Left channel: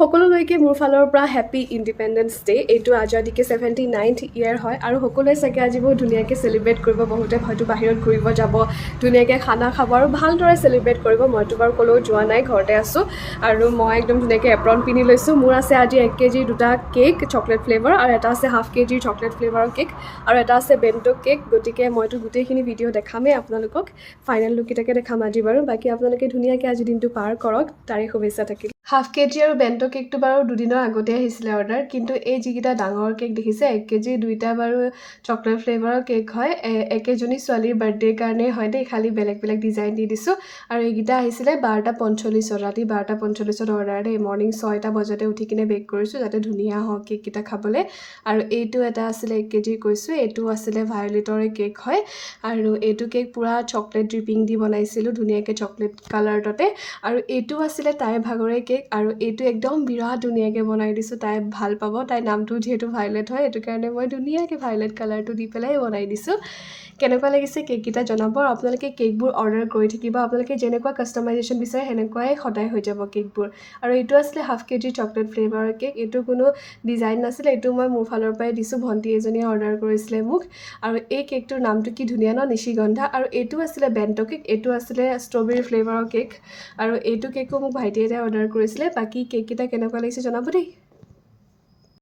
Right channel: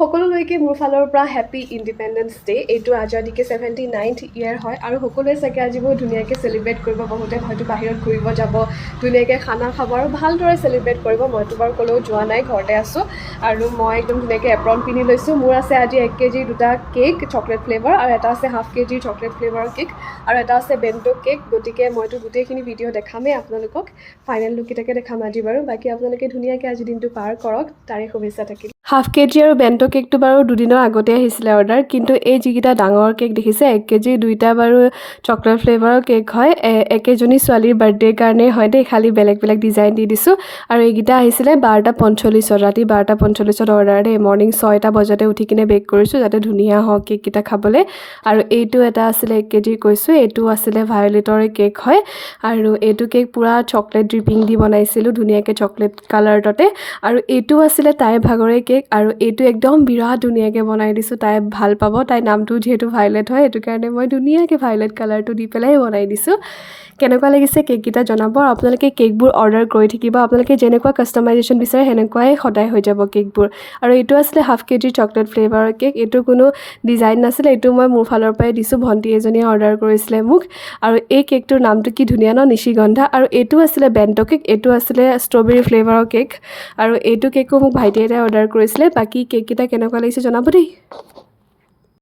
সকলোলৈকে মোৰ ফালৰ পৰা হেপী ইণ্ডিপেণ্ডেন্স ডে। এইটো আজাদীকে 79th ইয়েৰ হয় আৰু সকলোৱে চাগে আজি বহুত ধুনীয়াকৈ চেলিব্ৰেট কৰিব। বহুতে হয়তো বাহিৰত ঘূৰিব যাব, ধুনীয়াকৈ খানা খাব আৰু ভালদৰে চেলিব্ৰেট কৰিব। মইতো বাৰু ক'লেও যোৱা নাই, ঘৰতে আছোঁ আৰু মই একদম ধুনীয়াকৈ এপ্ৰন পিন্ধি লৈছোঁ। মোৰ আছে আজি 1 কেজিৰ 2টা কেক চকলেট ফ্লেভাৰ আৰু এটা আছে ½ কেজিৰ চকলেট ফ্লেভাৰৰ কেক আৰু এটা আছে বেণ্টো কেক। গতিকে মইতো গোটেইখিনি ভিডিঅ' দেখামেই আপোনালোকক। ফাইনেল লুককেইটাকে দেখাম আজি বাৰু। বাকী আপোনালোকে ধুনীয়াকৈ আজি দিনটো পাৰ কৰক, তাৰে শুভেচ্ছা থাকিল। ½ কেজি আৰু বেণ্টো কেকটো বাৰু দুদিনৰ আগতে আহিছিলে অৰ্ডাৰ, কিন্তু এই যিকেইটা ডাঙৰ কেক দেখিছে 1 কেজিৰ 2টা বাৰু চকলেট ফ্লেভাৰৰ কেক হয়। একেজনী ছোৱালীৰ বাৰ্থডেৰ কাৰণে হয় দেই, খালি বেলেগ বেলেগ ডিজাইন দি দিছোঁ। আৰু এইকেইটা আহিছিলে 12:45, ৰাতি 12:45 অৰ্ডাৰ দেই। মৰ্ণিং 6টা বজাতে উঠি কিনে বেক কৰিছোঁ যাতে ধুনীয়া হওক কেককেইটা খাবলৈ। আৰু এইটো এটা আছিলে 1 কেজিৰ কৈছোঁ, এইটো আছিলে ভায়লেটৰে কেক হয় আৰু এইটো কেক পূৰা চকলেট ড্ৰিপিং দি বনাইছিলোঁ ধুনীয়াকৈ চকলেট কালাৰতে। আৰু এইটো আছিলে তাইৰ ভাগৰে কেক আৰু এইটো একদম বিৰাট ধুনীয়াকৈ বনাই দিছোঁ। তাই ভাল পাব, তাইৰ নামটো যিহেতু ভায়লেট হয় সেইটো কাৰণে মই ধুনীয়াকৈ ভায়লেট কালাৰটো দি পেলাই বনাই দিছোঁ। কেনেকুৱা লাগিছে কেককেইটা জনাব। আৰু আপোনালোকে কেকবোৰ অৰ্ডাৰ কৰি থাকিব, আপোনালোকে যেনেকুৱা কাষ্টমাইজেশ্যন বিচাৰে সেনেকুৱাই সদায় হৈ যাব কেকবোৰ। আৰু এইটো আছিলে ½ কেজিৰ চকলেট ফ্লেভাৰৰ কেক। এইটো কোনো ডিজাইন নাছিলে, এইটো মই মোৰ ফালৰ পৰাই দিছোঁ। ভণ্টি এজনীয়ে অৰ্ডাৰ কৰিছিলে মোক। আৰু এই কেকটোৰ নামটো কি ধুনীয়া ন, নিশিগন্ধা। আৰু এইটো আছিলে বেণ্টো কেক, এইটো আছিলে ষ্ট্ৰবেৰী ফ্লেভাৰৰ কেক আৰু এইটো কেকো মোক ভাইটি এটাই অৰ্ডাৰ কৰিছিলে। বাকী কেককেইটা কেনেকুৱা লাগিছে জনাব দেই।